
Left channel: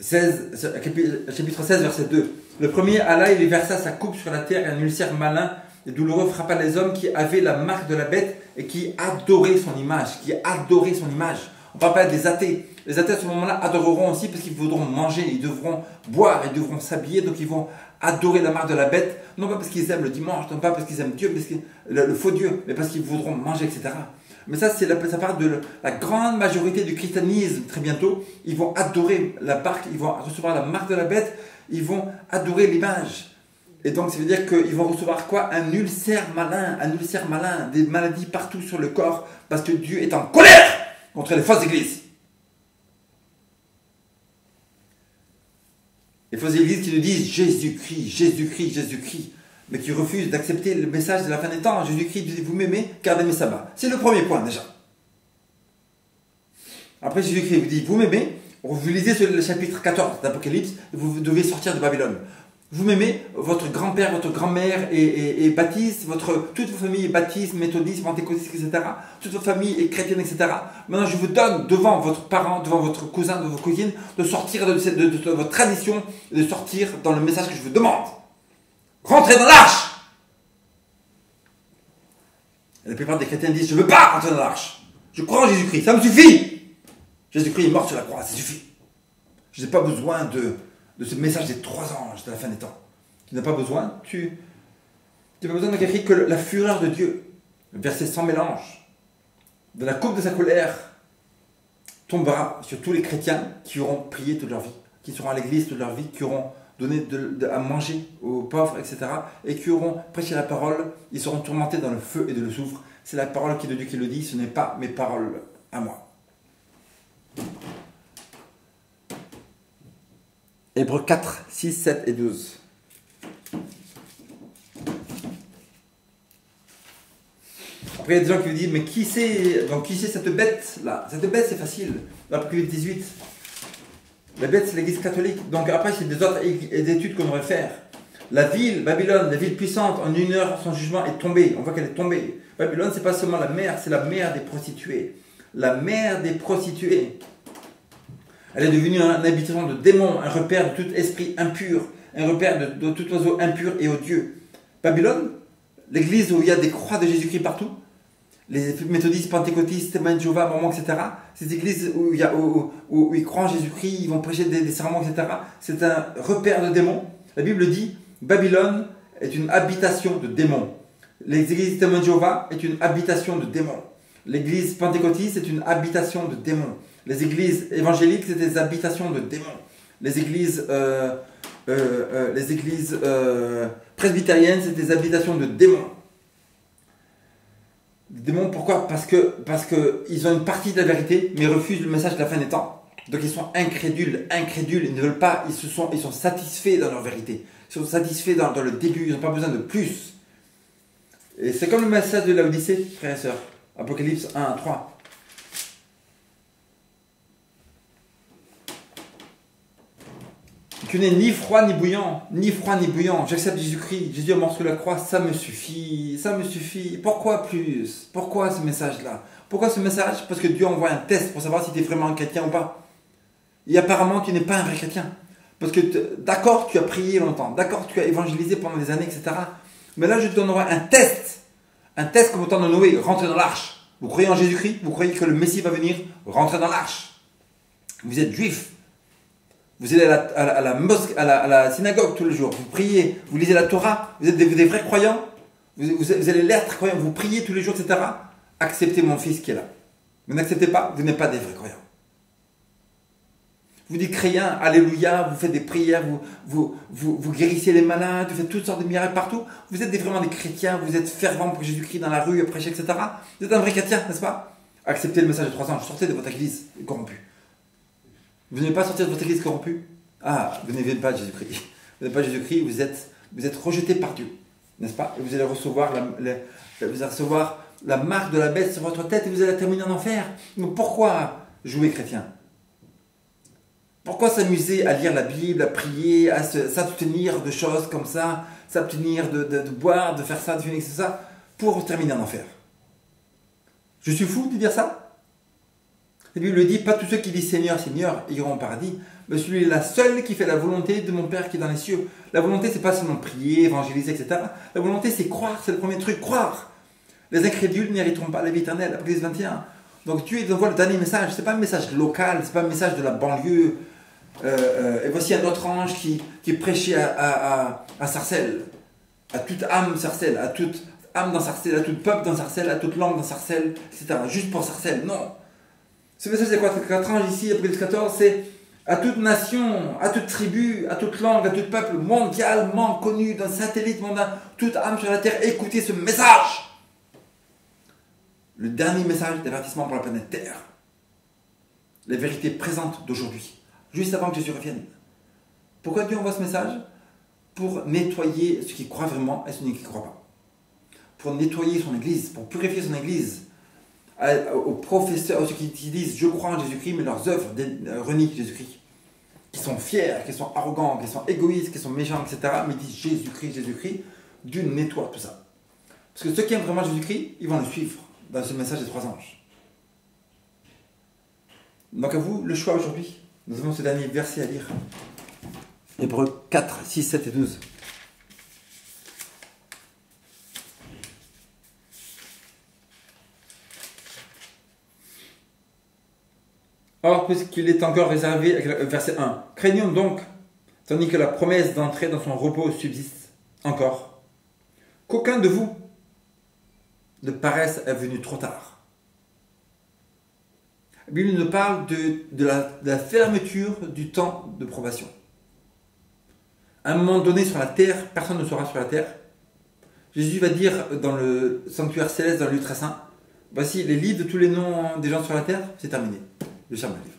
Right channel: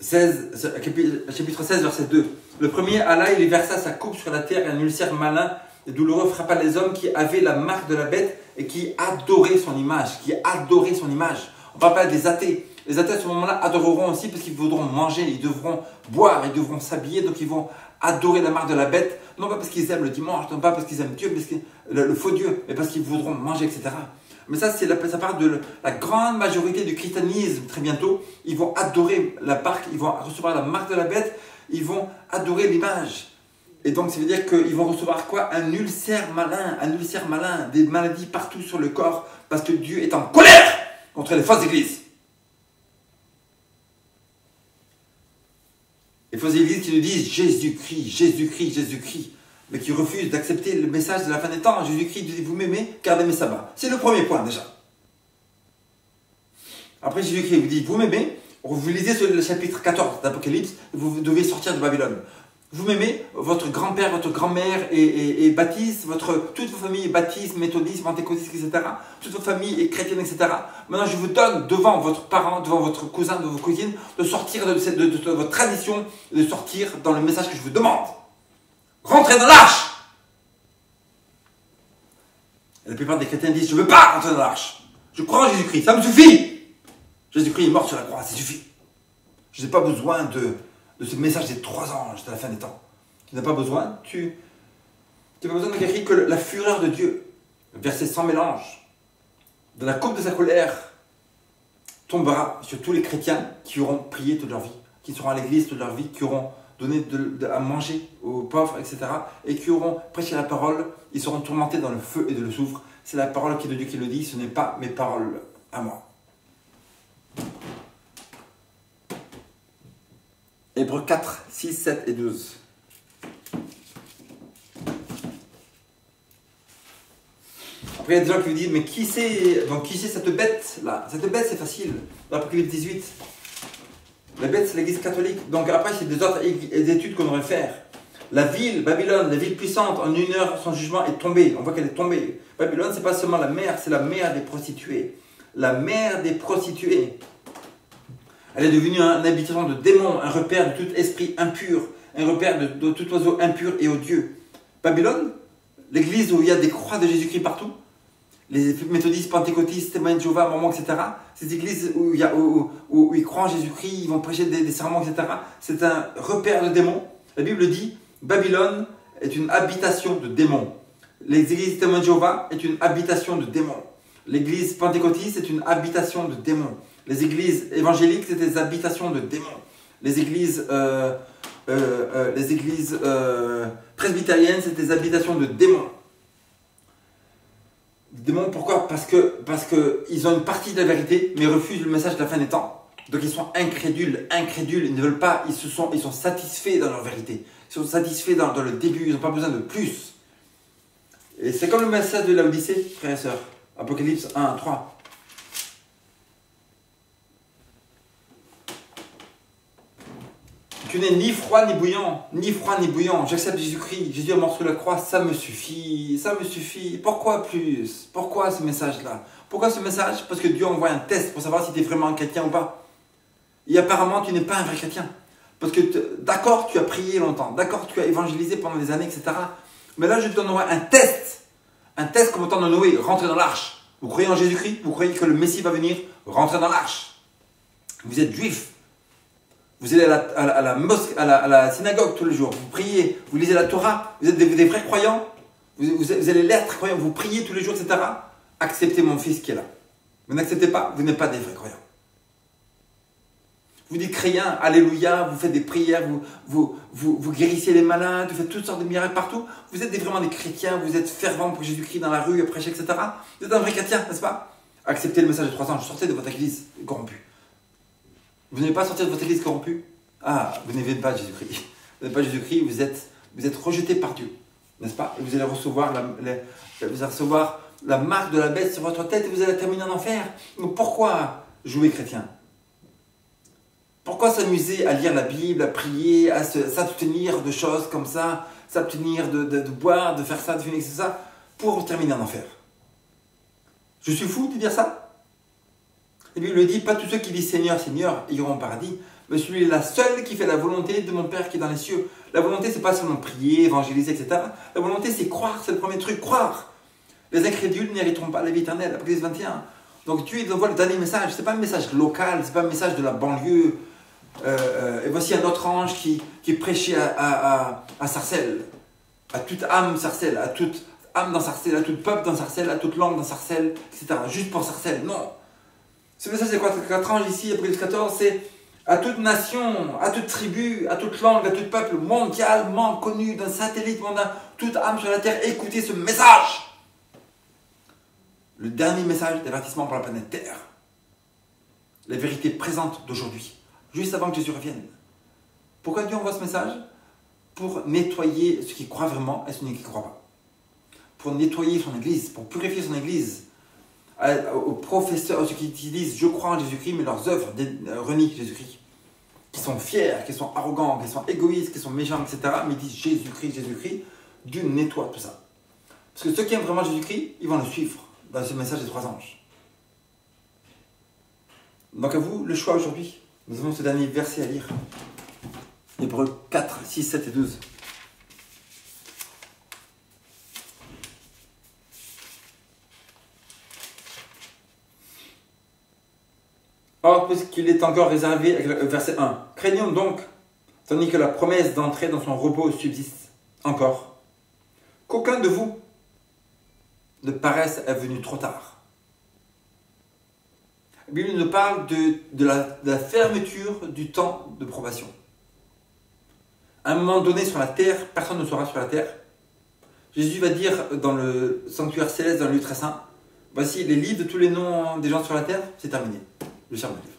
Chapitre 16, verset 2. Le premier alla, il versa sa coupe sur la terre, et un ulcère malin et douloureux frappa les hommes qui avaient la marque de la bête et qui adoraient son image. On ne parle pas des athées. Les athées à ce moment-là adoreront aussi parce qu'ils voudront manger, ils devront boire, ils devront s'habiller, donc ils vont adorer la marque de la bête, non pas parce qu'ils aiment le dimanche, non pas parce qu'ils aiment Dieu, le faux Dieu, mais parce qu'ils voudront manger, etc. Mais ça, ça part de la grande majorité du christianisme. Très bientôt, ils vont adorer la marque, ils vont recevoir la marque de la bête, ils vont adorer l'image. Et donc, ça veut dire qu'ils vont recevoir quoi? Un ulcère malin, des maladies partout sur le corps, parce que Dieu est en colère contre les fausses églises. Les fausses églises qui nous disent Jésus-Christ, Jésus-Christ, Jésus-Christ, mais qui refusent d'accepter le message de la fin des temps. Jésus-Christ dit, vous m'aimez, gardez mes sabbats. C'est le premier point déjà. Après Jésus-Christ vous dit, vous m'aimez, vous lisez le chapitre 14 d'Apocalypse, vous devez sortir de Babylone. Vous m'aimez, votre grand-père, votre grand-mère est baptiste, toute votre famille est baptiste, méthodiste, pentecôtiste, etc. Toute votre famille est chrétienne, etc. Maintenant, je vous donne devant votre parent, devant votre cousin, devant votre cousine, de sortir de votre tradition, de sortir dans le message que je vous demande. Rentrez dans l'arche. Et la plupart des chrétiens disent, je ne veux pas rentrer dans l'arche. Je crois en Jésus-Christ, ça me suffit. Jésus-Christ est mort sur la croix, ça suffit. Je n'ai pas besoin de ce message des 3 anges de la fin des temps. Tu n'as pas besoin, tu n'as pas besoin de quelqu'un que la fureur de Dieu, le verset sans mélange, de la coupe de sa colère, tombera sur tous les chrétiens qui auront prié toute leur vie, qui seront à l'église toute leur vie, qui auront donné à manger aux pauvres, etc. et qui auront prêché la parole, ils seront tourmentés dans le feu et de le soufre. C'est la parole qui est de Dieu qui le dit, ce n'est pas mes paroles à moi. Hébreux 4, 6, 7 et 12. Après, il y a des gens qui vous disent, mais qui c'est cette bête-là? Cette bête, c'est facile. L'Apocalypse 18. La bête, c'est l'église catholique. Donc après, c'est des autres études qu'on devrait faire. La ville, Babylone, la ville puissante, en 1 heure, son jugement est tombé. On voit qu'elle est tombée. Babylone, c'est pas seulement la mère, c'est la mère des prostituées. La mère des prostituées. Elle est devenue un habitation de démons, un repère de tout esprit impur, un repère de tout oiseau impur et odieux. Babylone, l'église où il y a des croix de Jésus-Christ partout, les méthodistes, pentecôtistes, témoins de Jéhovah, mormons, etc. Ces églises où ils croient en Jésus-Christ, ils vont prêcher des sermons, etc. C'est un repère de démons. La Bible dit, Babylone est une habitation de démons. L'église témoins de Jéhovah est une habitation de démons. L'église pentecôtiste est une habitation de démons. Les églises évangéliques, c'est des habitations de démons. Les églises presbytériennes, c'est des habitations de démons. Démons, pourquoi? Parce que ils ont une partie de la vérité, mais refusent le message de la fin des temps. Donc ils sont incrédules, ils ne veulent pas, ils sont satisfaits dans leur vérité. Ils sont satisfaits dans le début, ils n'ont pas besoin de plus. Et c'est comme le message de Laodicée, frères et sœurs. Apocalypse 1, 3. Tu n'es ni froid ni bouillant, ni froid ni bouillant. J'accepte Jésus-Christ, Jésus est mort sur la croix, ça me suffit, ça me suffit. Pourquoi plus? Pourquoi ce message-là? Pourquoi ce message? Parce que Dieu envoie un test pour savoir si tu es vraiment un chrétien ou pas. Et apparemment, tu n'es pas un vrai chrétien. Parce que d'accord, tu as prié longtemps, d'accord, tu as évangélisé pendant des années, etc. Mais là, je te donnerai un test. Un test comme au temps de Noé, rentrez dans l'arche. Vous croyez en Jésus-Christ? Vous croyez que le Messie va venir? Rentrez dans l'arche. Vous êtes juif. Vous allez à la mosquée, à la synagogue tous les jours, vous priez, vous lisez la Torah, vous êtes des vrais croyants, vous allez l'être croyants, vous priez tous les jours, etc. Acceptez mon fils qui est là. Vous n'acceptez pas, vous n'êtes pas des vrais croyants. Vous dites chrétien, alléluia, vous faites des prières, vous guérissez les malades, vous faites toutes sortes de miracles partout. Vous êtes vraiment des chrétiens, vous êtes fervents pour Jésus-Christ dans la rue, à prêcher, etc. Vous êtes un vrai chrétien, n'est-ce pas? Acceptez le message de 3 ans, sortez de votre église corrompue. Vous n'allez pas sortir de votre église corrompue? Ah, vous n'avez pas Jésus-Christ. Vous n'avez pas Jésus-Christ, vous êtes rejeté par Dieu, n'est-ce pas? Et vous allez recevoir la marque de la bête sur votre tête et vous allez terminer en enfer. Donc pourquoi jouer chrétien? Pourquoi s'amuser à lire la Bible, à prier, à s'abstenir de choses comme ça, s'abstenir de boire, de faire ça, de finir ça, pour terminer en enfer? Je suis fou de dire ça? La Bible dit, pas tous ceux qui disent Seigneur, Seigneur iront au paradis, mais celui-là seul qui fait la volonté de mon Père qui est dans les cieux. La volonté, c'est pas seulement prier, évangéliser, etc. La volonté, c'est croire, c'est le premier truc, croire. Les incrédules n'hériteront pas la vie éternelle, Apocalypse 21. Donc Dieu il envoie le dernier message, c'est pas un message local, c'est pas un message de la banlieue. Et voici un autre ange qui prêchait à Sarcelles, à toute âme Sarcelles, à toute âme dans Sarcelles, à tout peuple dans Sarcelles, à toute langue dans Sarcelles, etc. Juste pour Sarcelles, non. Ce message c'est quoi? 4 anges ici, Apocalypse 14, c'est à toute nation, à toute tribu, à toute langue, à tout peuple mondialement connu, d'un satellite mondial, toute âme sur la terre, écoutez ce message. Le dernier message d'avertissement pour la planète Terre. Les vérités présentes d'aujourd'hui, juste avant que Jésus revienne. Pourquoi Dieu envoie ce message? Pour nettoyer ceux qui croient vraiment et ceux qui ne croient pas. Pour nettoyer son église, pour purifier son église. Aux professeurs, ceux qui disent je crois en Jésus-Christ, mais leurs œuvres renient Jésus-Christ. qui sont fiers, qui sont arrogants, qui sont égoïstes, qui sont méchants, etc. Mais ils disent Jésus-Christ, Jésus-Christ. Dieu nettoie tout ça. Parce que ceux qui aiment vraiment Jésus-Christ, ils vont le suivre dans ce message des 3 anges. Donc à vous le choix aujourd'hui. Nous avons ce dernier verset à lire. Hébreux 4, 6, 7 et 12. Or, puisqu'il est encore réservé, verset 1, craignons donc, tandis que la promesse d'entrer dans son repos subsiste encore, qu'aucun de vous ne paraisse être venu trop tard. La Bible nous parle de la fermeture du temps de probation. À un moment donné sur la terre, personne ne sera sur la terre. Jésus va dire dans le sanctuaire céleste, dans le lieu très saint, voici les livres de tous les noms des gens sur la terre, c'est terminé. Le serment du livre.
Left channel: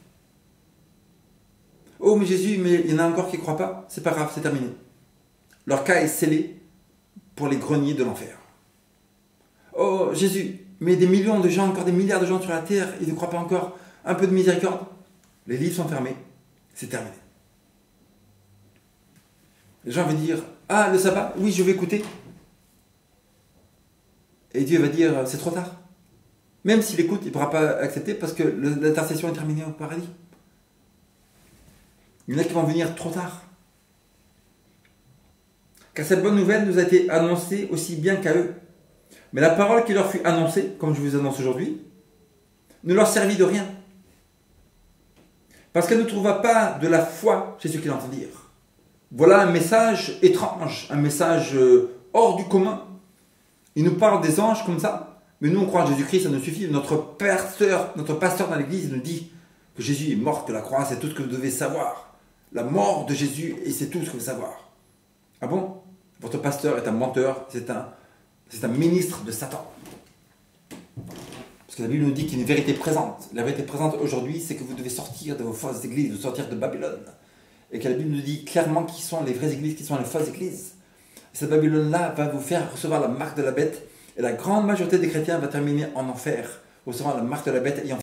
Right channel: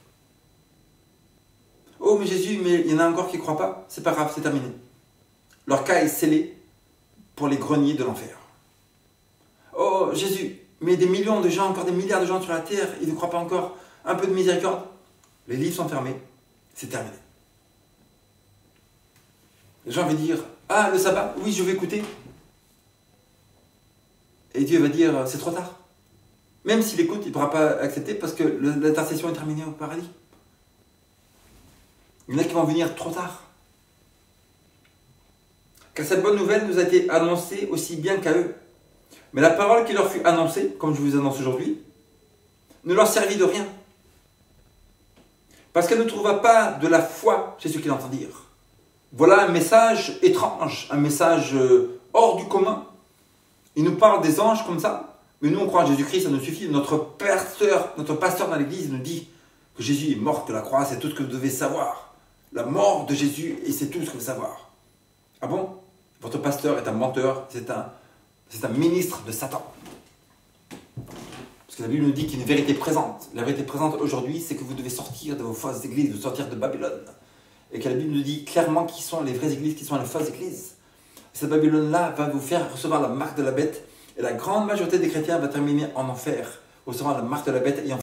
Oh mais Jésus, mais il y en a encore qui ne croient pas, c'est pas grave, c'est terminé. Leur cas est scellé pour les greniers de l'enfer. Oh Jésus, mais des millions de gens, encore des milliards de gens sur la terre, ils ne croient pas encore, un peu de miséricorde. Les livres sont fermés, c'est terminé. Les gens vont dire, ah le sabbat, oui je vais écouter. Et Dieu va dire, c'est trop tard. Même s'il écoute, il ne pourra pas accepter parce que l'intercession est terminée au paradis. Il y en a qui vont venir trop tard. Car cette bonne nouvelle nous a été annoncée aussi bien qu'à eux. Mais la parole qui leur fut annoncée, comme je vous annonce aujourd'hui, ne leur servit de rien. Parce qu'elle ne trouva pas de la foi chez ceux qui l'entendirent. Voilà un message étrange, un message hors du commun. Il nous parle des anges comme ça. Mais nous, on croit en Jésus-Christ, ça nous suffit. Notre pasteur dans l'église nous dit que Jésus est mort, que la croix, c'est tout ce que vous devez savoir. La mort de Jésus, et c'est tout ce que vous devez savoir. Ah bon? Votre pasteur est un menteur, c'est un ministre de Satan. Parce que la Bible nous dit qu'il y a une vérité présente. La vérité présente aujourd'hui, c'est que vous devez sortir de vos fausses églises, vous sortir de Babylone. Et que la Bible nous dit clairement qui sont les vraies églises, qui sont les fausses églises. Et cette Babylone-là va vous faire recevoir la marque de la bête. Et la grande majorité des chrétiens va terminer en enfer, recevant la marque de la bête et en